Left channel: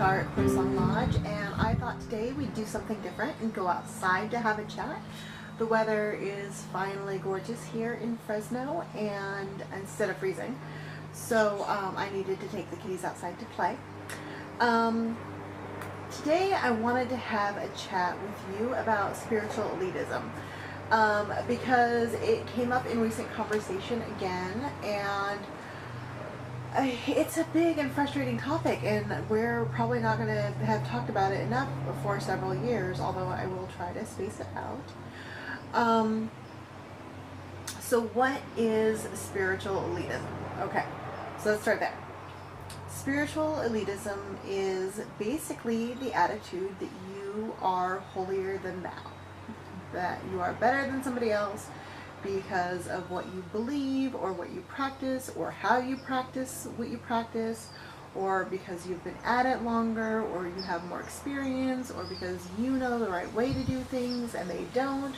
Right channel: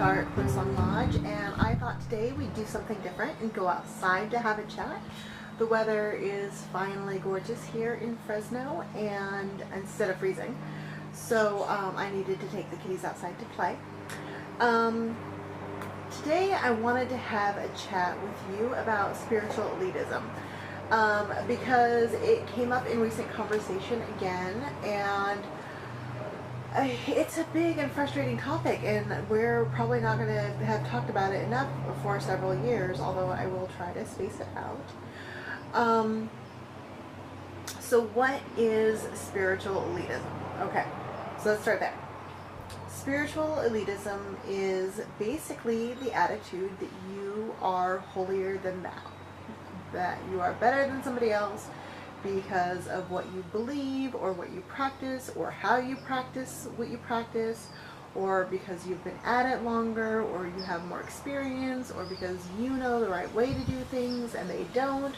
start CrowSong Lodge, and I thought today we'd do something different and go outside to have a chat. The weather is finally gorgeous here in Fresno, and instead of freezing, so I needed to take the kitties outside to play. Today I wanted to have a chat with you about spiritual elitism, because it came up in recent conversation again, and it's a big and frustrating topic, and we're probably not going to have talked about it enough for several years, although I will try to space it out. So what is spiritual elitism? Okay, so let's start there. Spiritual elitism is basically the attitude that you are holier than thou, that you are better than somebody else because of what you believe or what you practice or how you practice what you practice, or because you've been at it longer, or you have more experience, or because you know the right way to do things and they don't,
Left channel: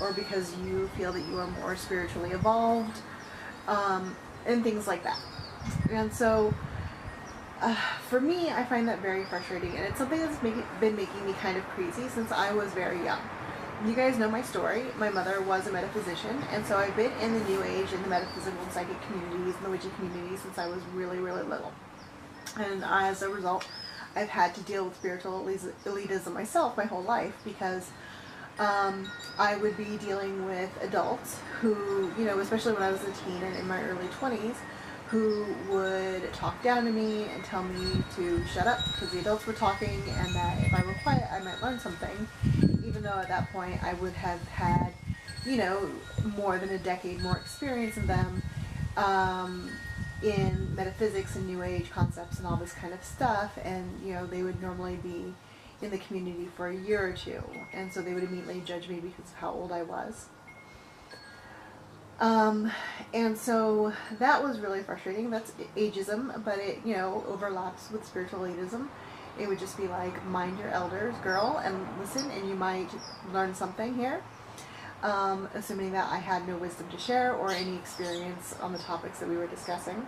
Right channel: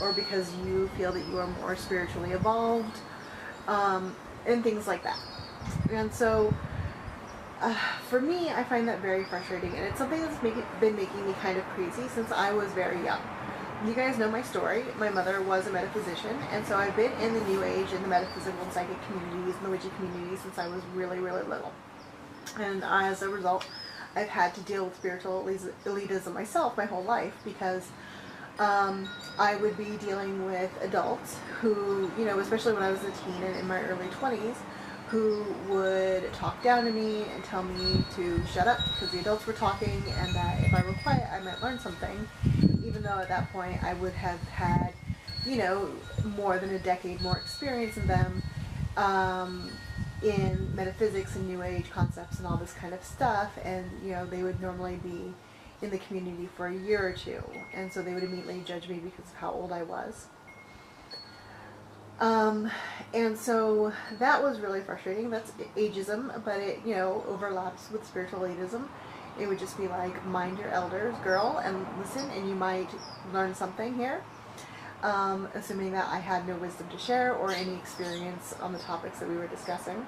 or because you feel that you are more spiritually evolved, and things like that. And so for me, I find that very frustrating, and it's something that's been making me kind of crazy since I was very young. You guys know my story. My mother was a metaphysician, and so I've been in the New Age and the metaphysical and psychic communities and the witchy communities since I was really, really little. And as a result, I've had to deal with spiritual elitism myself my whole life, because I would be dealing with adults who, you know, especially when I was a teen and in my early 20s, who would talk down to me and tell me to shut up because the adults were talking, and that if I were quiet I might learn something, even though at that point I would have had, you know, more than a decade more experience in them, in metaphysics and New Age concepts and all this kind of stuff. And, you know, they would normally be in the community for a year or two, and so they would immediately judge me because of how old I was. And so that was really frustrating. That's ageism, but it, you know, overlaps with spiritual elitism. It would just be like, mind your elders, girl, and listen, and you might learn something here. Assuming that I had no wisdom to share or any experience on the topics that we were discussing.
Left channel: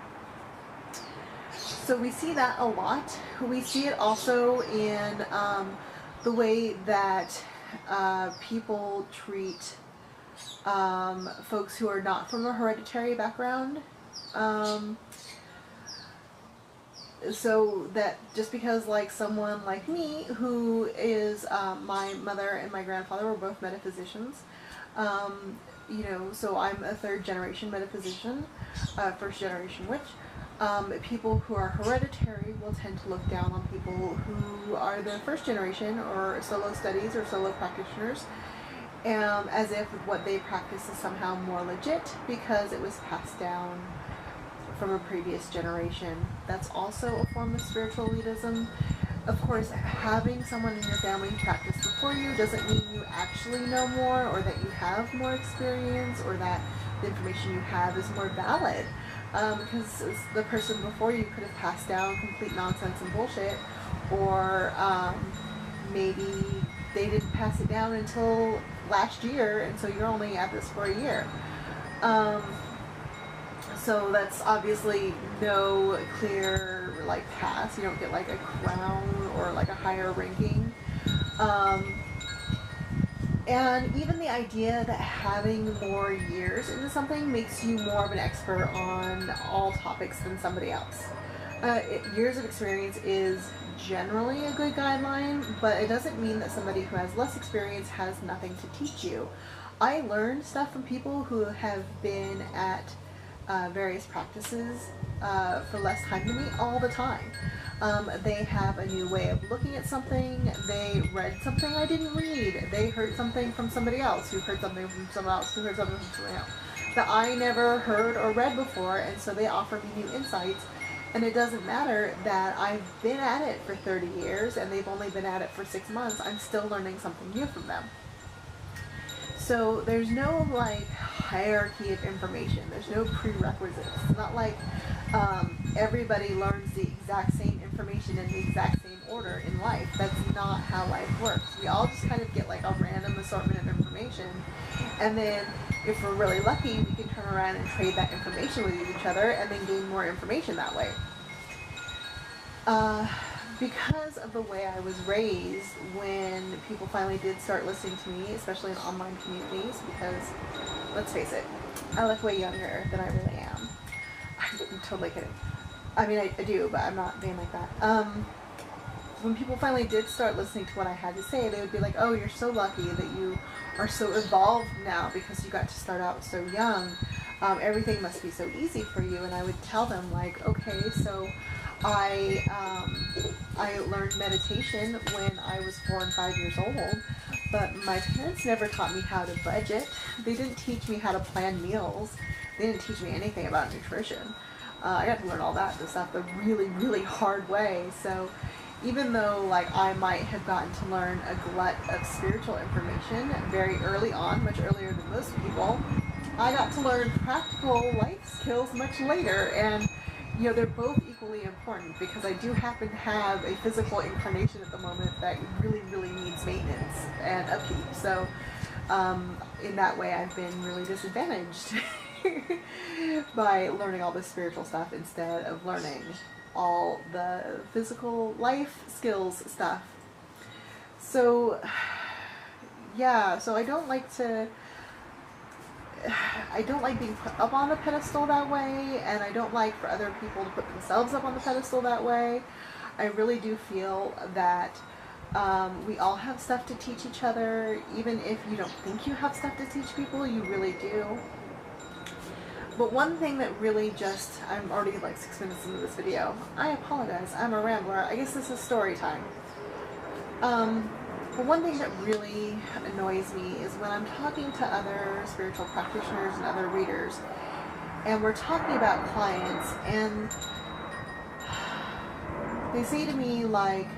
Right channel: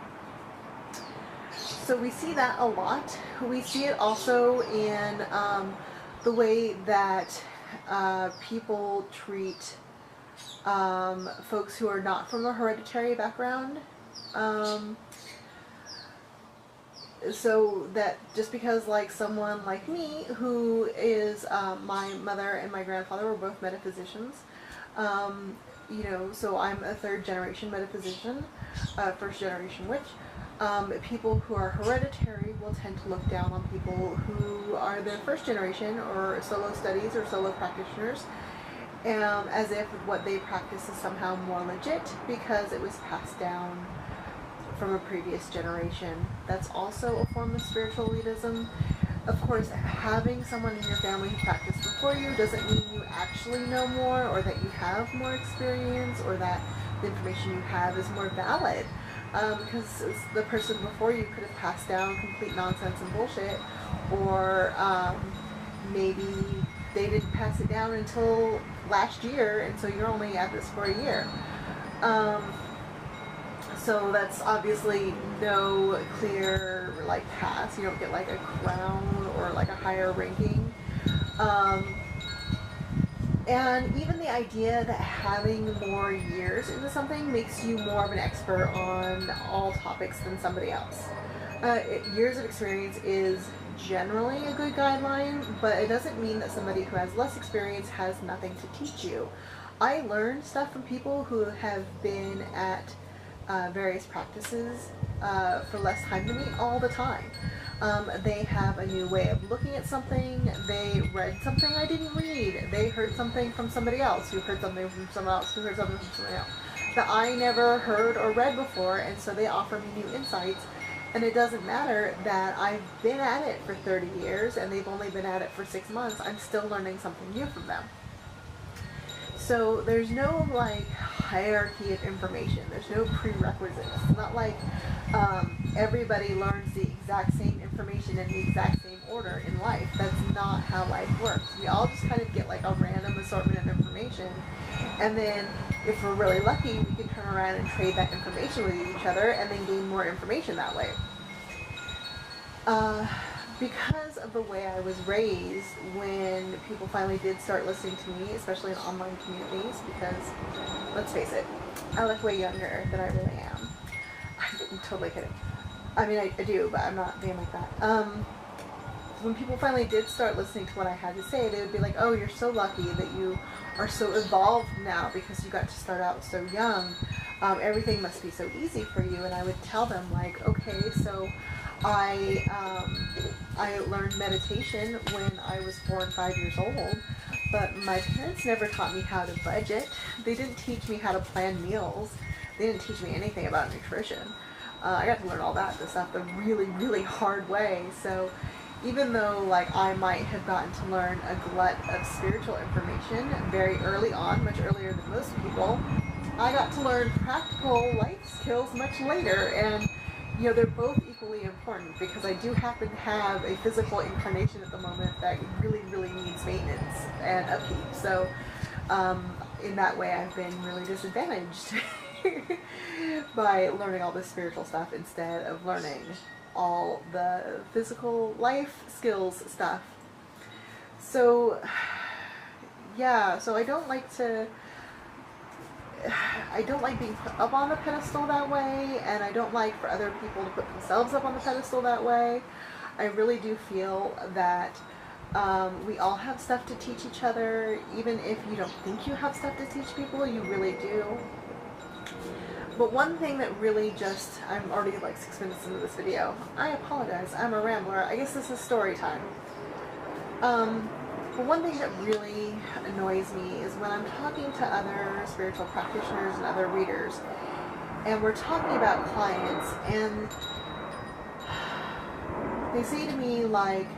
So we see that a lot. We see it also in the way that people treat folks who are not from a hereditary background. So that just because, like, someone like me, who is, my mother and my grandfather were both metaphysicians, you know, so I'm a third generation metaphysician, first generation witch. People who are hereditary will tend to look down on people who are the first generation or solo studies or solo practitioners, as if what they practice is somehow more legit because it was passed down from a previous generation. That's also a form of spiritual elitism. Of course, having someone in your family who practiced before you doesn't mean you actually know more, or that you have more experience, or that the information you have is more valid, because the person before you could have passed down complete nonsense and bullshit, or maybe they didn't pass it down until last year, and so you're only at this for a year. So that's obviously no clear, like, pass. You don't get, like, a crown or, like, a higher ranking. And even the idea that having more years into something makes you more of an expert on all topics than somebody else. Years of experience is generally a good guideline, but it doesn't mean that somebody who has less experience has nothing to teach you. I learned stuff from people who have been at various practices for less time than me all the time. They have a new way of looking at something. They read something I didn't read. They heard something from somebody else who heard something from someone else who heard something from somebody else that I never heard or read before, and so they offer me new insights. And it doesn't matter that I've been at it for 30 years and they've only been at it for 6 months. I'm still learning something new from them. So there's no, like, hierarchy of information. There's no prerequisites. It's not like everybody learns the exact same information in the exact same order in life. That's not how life works. We all just kind of get, like, a random assortment of information, and then if we're really lucky, we can turn around and trade that information with each other and then gain more information that way. because of the way I was raised, when people finally did start listening to me, especially in online communities, because, let's face it, I look way younger than I really am. I'm totally kidding. I mean, I do, but I'm not being like that. When people finally did start listening to what I had to say, they would be like, oh, you're so lucky that you are so evolved now because you got to start out so young. Everything must be so easy for you. And I would tell them, like, okay, so I learned meditation when I was 4 and 5 years old, but my parents never taught me how to budget. They didn't teach me how to plan meals. They didn't teach me anything about nutrition. I got to learn all that stuff the really, really hard way. So even though, like, I might have gotten to learn a glut of spiritual information very early on, much earlier than most people, I got to learn practical life skills much later. And, you know, they're both equally important, because I do happen to have a physical incarnation at the moment that really, really needs maintenance and upkeep. So in that way, I've been really disadvantaged by learning all this spiritual stuff instead of learning all the physical life skills stuff. So yeah, so I don't like being put up on the pedestal that way, and I don't like for other people to put themselves up on the pedestal that way. I really do feel that we all have stuff to teach each other. Even if you don't think you have stuff to teach people, you really do. But one thing that really I'm already like 6 minutes into this video. I apologize, I'm a rambler. I guess this is story time. But one thing that really annoys me is when I'm talking to other spiritual practitioners and other readers, and we're talking about clients, and they say to me, like,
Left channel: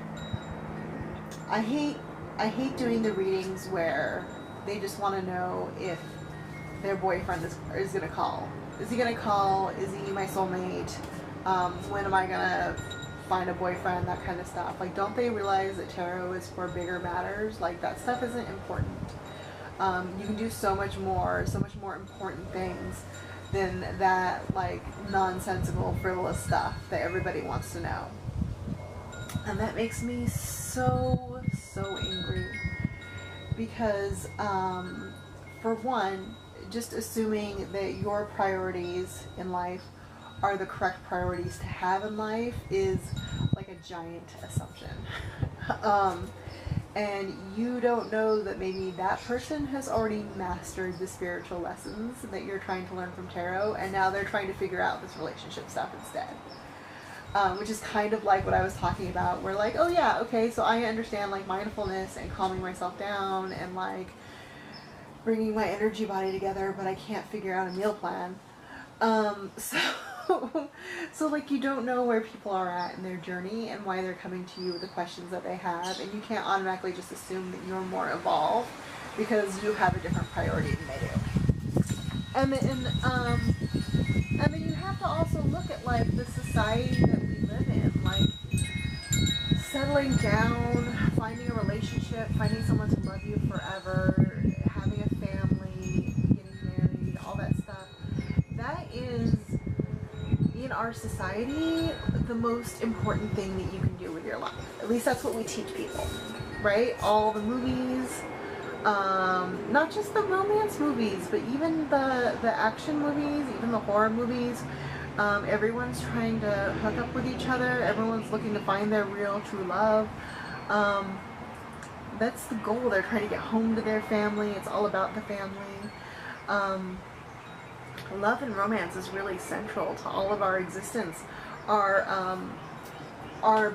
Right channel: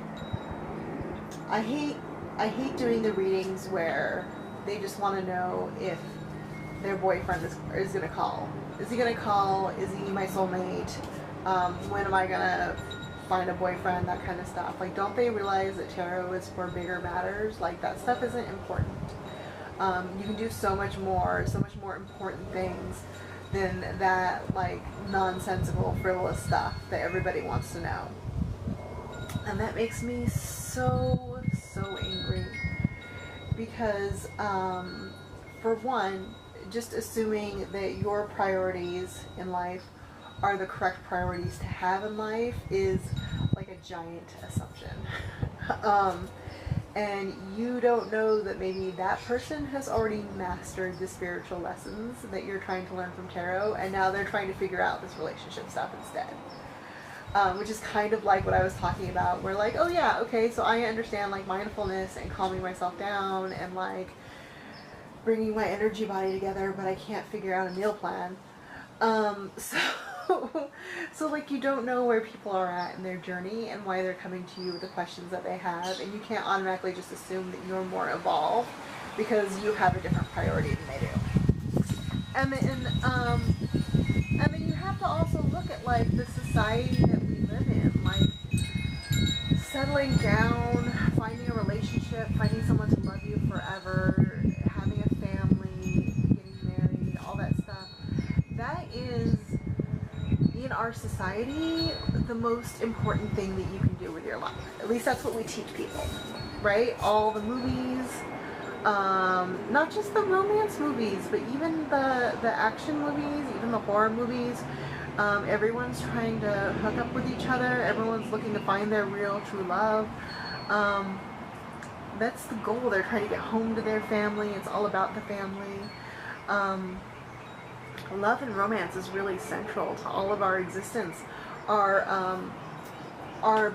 I hate doing the readings where they just want to know if their boyfriend is going to call. Is he going to call? Is he my soulmate? When am I going to find a boyfriend? That kind of stuff. Like, don't they realize that tarot is for bigger matters? Like, that stuff isn't important. You can do so much more important things than that, like, nonsensical, frivolous stuff that everybody wants to know. And that makes me so angry. Because, for one, just assuming that your priorities in life are the correct priorities to have in life is like a giant assumption. And you don't know that maybe that person has already mastered the spiritual lessons that you're trying to learn from tarot, and now they're trying to figure out this relationship stuff instead. Which is kind of like what I was talking about, where, like, oh yeah, okay, so I understand, like, mindfulness and calming myself down and, like, bringing my energy body together, but I can't figure out a meal plan. So like, you don't know where people are at in their journey and why they're coming to you with the questions that they have, and you can't automatically just assume that you're more evolved because you have a different priority than they do. And then you have to also look at, like, the society that we live in, like, settling down, finding a relationship, finding someone to love you forever, having a family, getting married, all that stuff. That is, in our society, the most important thing that you can do with your life. At least that's what we teach people, right? All the movies, not just the romance movies, but even the action movies, even the horror movies. Everyone's trying to hook up with each other. Everyone's looking to find their real, true love. That's the goal. They're trying to get home to their family. It's all about the family. Love and romance is really central to all of our existence. Our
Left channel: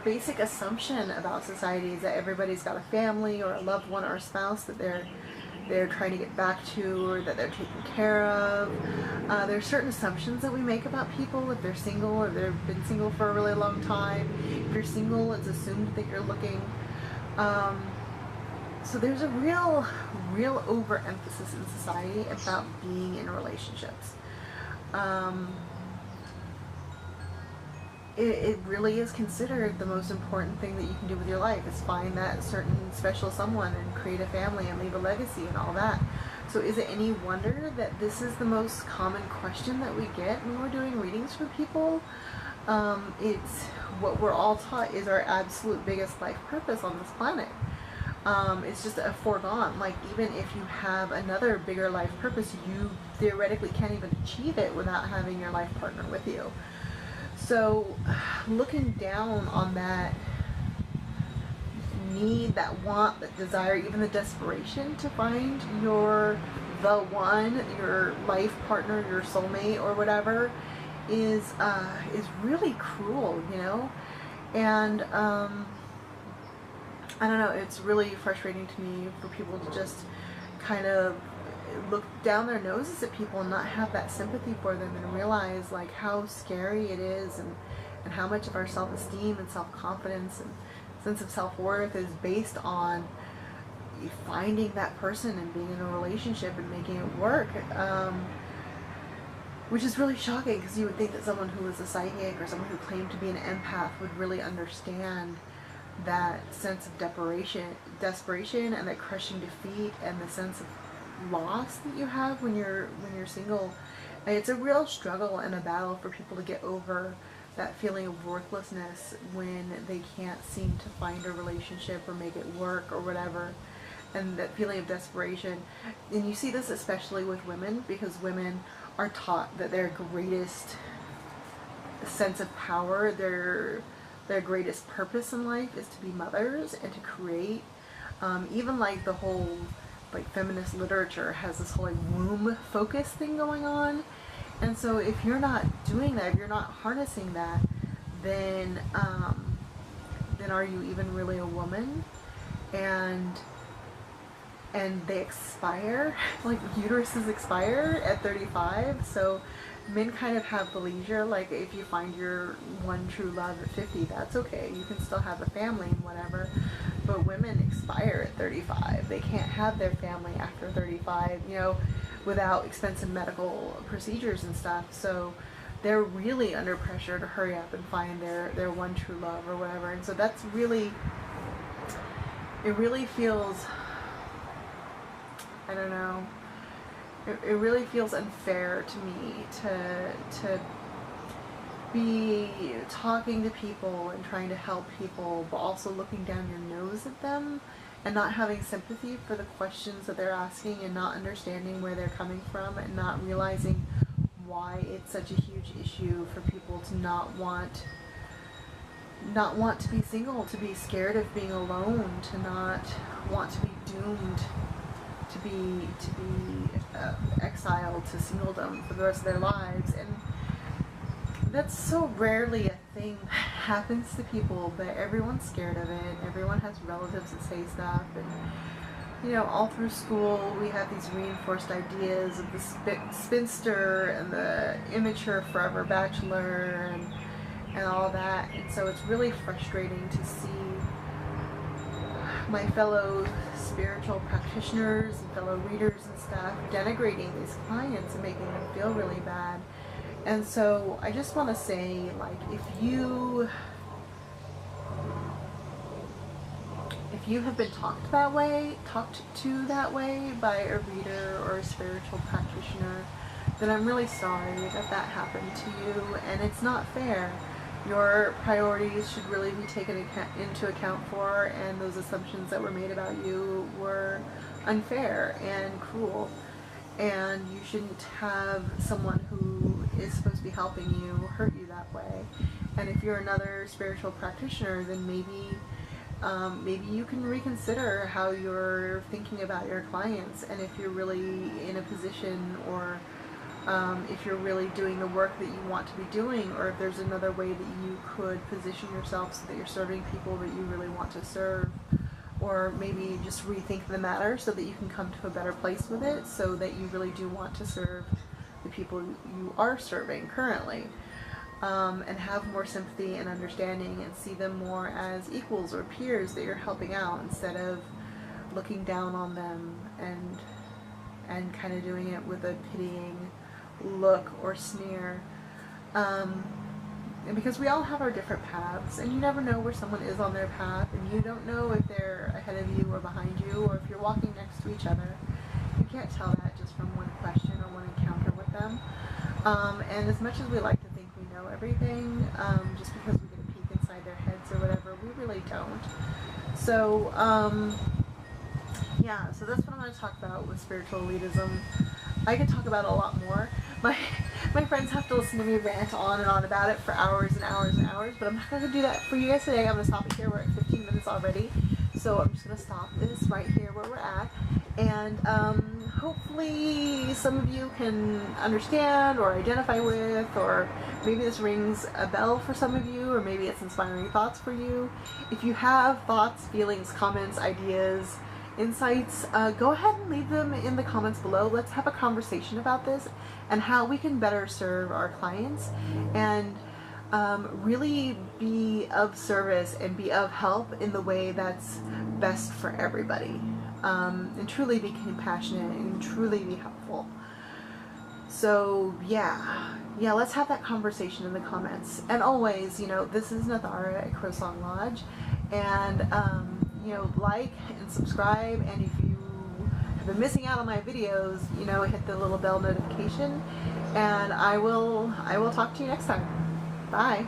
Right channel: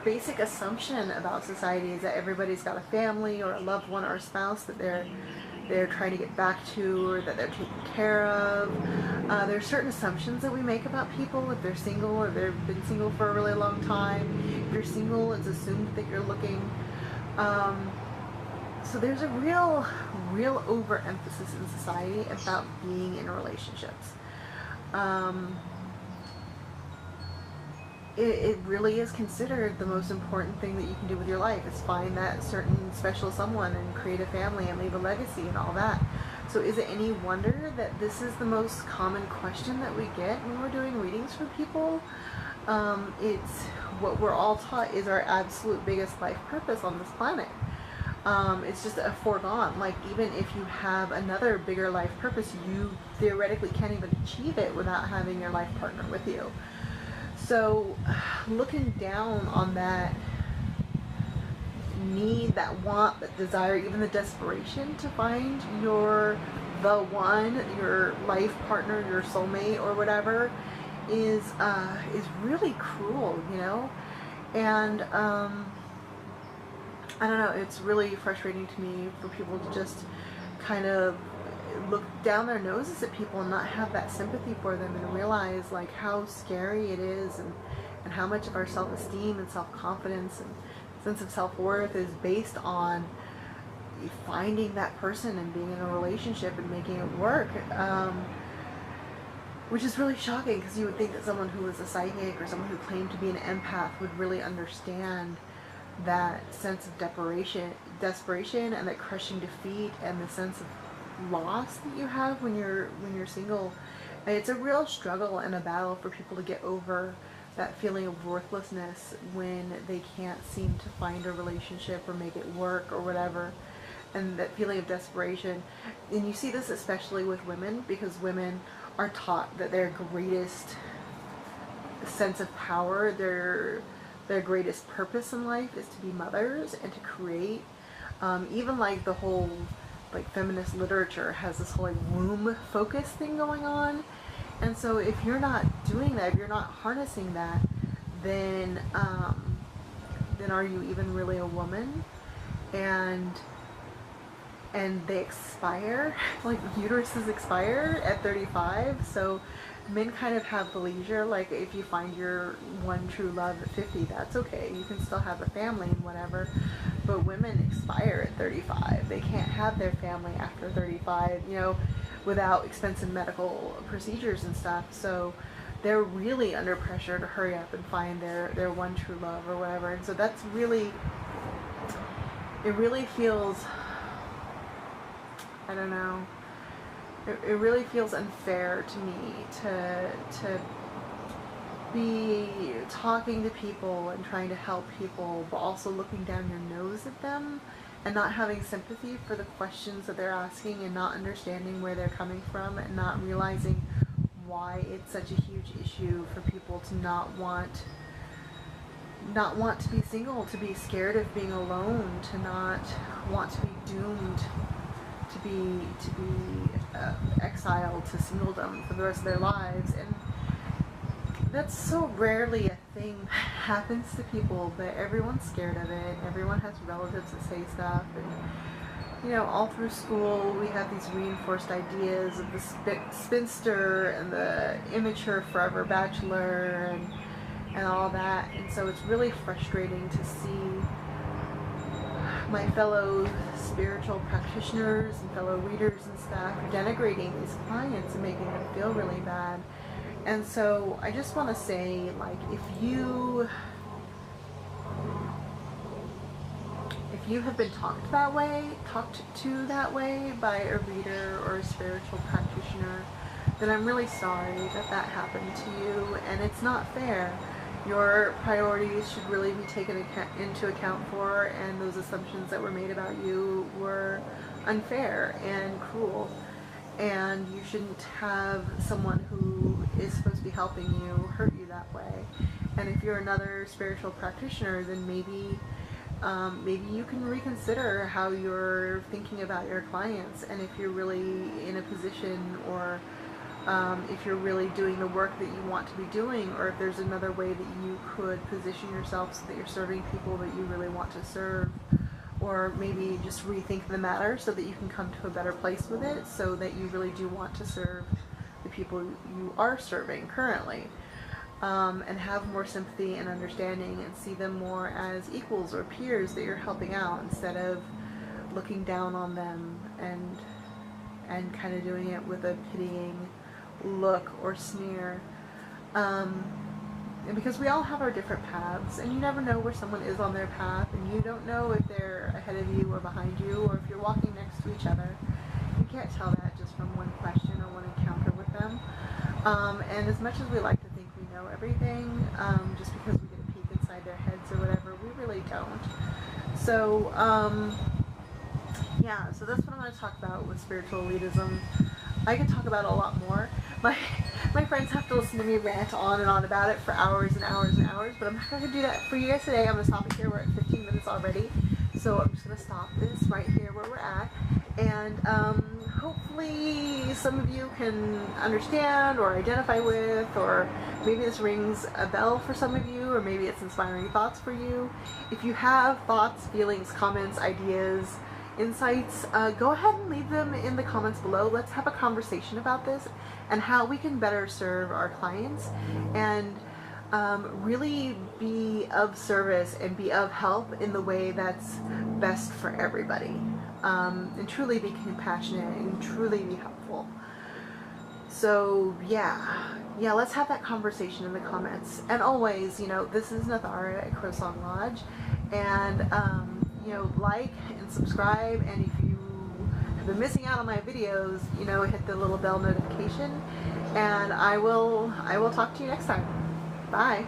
basic assumption about society is that everybody's got a family or a loved one or a spouse that they're trying to get back to, or that they're taking care of. There are certain assumptions that we make about people if they're single or they've been single for a really long time. If you're single, it's assumed that you're looking. So there's a real overemphasis in society about being in relationships. It really is considered the most important thing that you can do with your life, is find that certain special someone and create a family and leave a legacy and all that. So is it any wonder that this is the most common question that we get when we're doing readings for people? It's what we're all taught is our absolute biggest life purpose on this planet. It's just a foregone. Like, even if you have another bigger life purpose, you theoretically can't even achieve it without having your life partner with you. So looking down on that need, that want, that desire, even the desperation to find the one, your life partner, your soulmate or whatever, is really cruel, you know? And I don't know, it's really frustrating to me for people to just kind of look down their noses at people and not have that sympathy for them and realize like how scary it is, and how much of our self-esteem and self-confidence and sense of self-worth is based on finding that person and being in a relationship and making it work. Which is really shocking, because you would think that someone who was a psychic or someone who claimed to be an empath would really understand that sense of desperation and that crushing defeat and the sense of loss that you have when you're single. And it's a real struggle and a battle for people to get over that feeling of worthlessness when they can't seem to find a relationship or make it work or whatever. And that feeling of desperation. And you see this especially with women, because women are taught that their greatest sense of power, their greatest purpose in life is to be mothers and to create. Even like the whole like feminist literature has this whole like womb focus thing going on. And so if you're not doing that, if you're not harnessing that, then are you even really a woman? And they expire, like uteruses expire at 35, so men kind of have the leisure, like if you find your one true love at 50, that's okay, you can still have a family and whatever, but women expire at 35, they can't have their family after 35, you know, without expensive medical procedures and stuff, so they're really under pressure to hurry up and find their one true love or whatever, and so that's really, it really feels, I don't know, it really feels unfair to me to be talking to people and trying to help people, but also looking down your nose at them and not having sympathy for the questions that they're asking and not understanding where they're coming from and not realizing why it's such a huge issue for people to not want to be single, to be scared of being alone, to not want to be doomed to be exiled to singledom for the rest of their lives. And that's so rarely a thing that happens to people, but everyone's scared of it. Everyone has relatives that say stuff, and you know, all through school we have these reinforced ideas of the spinster and the immature forever bachelor and all that, and so it's really frustrating to see my fellow spiritual practitioners and fellow readers and stuff denigrating these clients and making them feel really bad. And so I just want to say, like, if you have been talked to that way by a reader or a spiritual practitioner, then I'm really sorry that happened to you, and it's not fair. Your priorities should really be taken into account for, and those assumptions that were made about you were unfair and cruel, and you shouldn't have someone who is supposed to be helping you hurt you that way. And if you're another spiritual practitioner, then maybe you can reconsider how you're thinking about your clients, and if you're really in a position, or if you're really doing the work that you want to be doing, or if there's another way that you could position yourself so that you're serving people that you really want to serve, or maybe just rethink the matter so that you can come to a better place with it, so that you really do want to serve the people you are serving currently, and have more sympathy and understanding and see them more as equals or peers that you're helping out, instead of looking down on them and kind of doing it with a pitying look or sneer, and because we all have our different paths, and you never know where someone is on their path, and you don't know if they're ahead of you or behind you, or if you're walking next to each other, You can't tell that just from one question or one encounter with them. And as much as we like to think we know everything, just because we get a peek inside their heads or whatever, we really don't. So, yeah, so that's what I'm going to talk about with spiritual elitism. I could talk about it a lot more. My friends have to listen to me rant on and on about it for hours and hours and hours, but I'm not going to do that for you guys today. I'm going to stop it here. We're at 15 minutes already, so I'm just going to stop this right here where we're at, and hopefully some of you can understand or identify with, or maybe this rings a bell for some of you, or maybe it's inspiring thoughts for you. If you have thoughts, feelings, comments, ideas, insights, go ahead and leave them in the comments below. Let's have a conversation about this and how we can better serve our clients and really be of service and be of help in the way that's best for everybody, and truly be compassionate and truly be helpful. So yeah, let's have that conversation in the comments. And always, this is Nathara at CrowSong Lodge, and like and subscribe, and if you have been missing out on my videos, hit the little bell notification, and I will talk to you next time. Bye.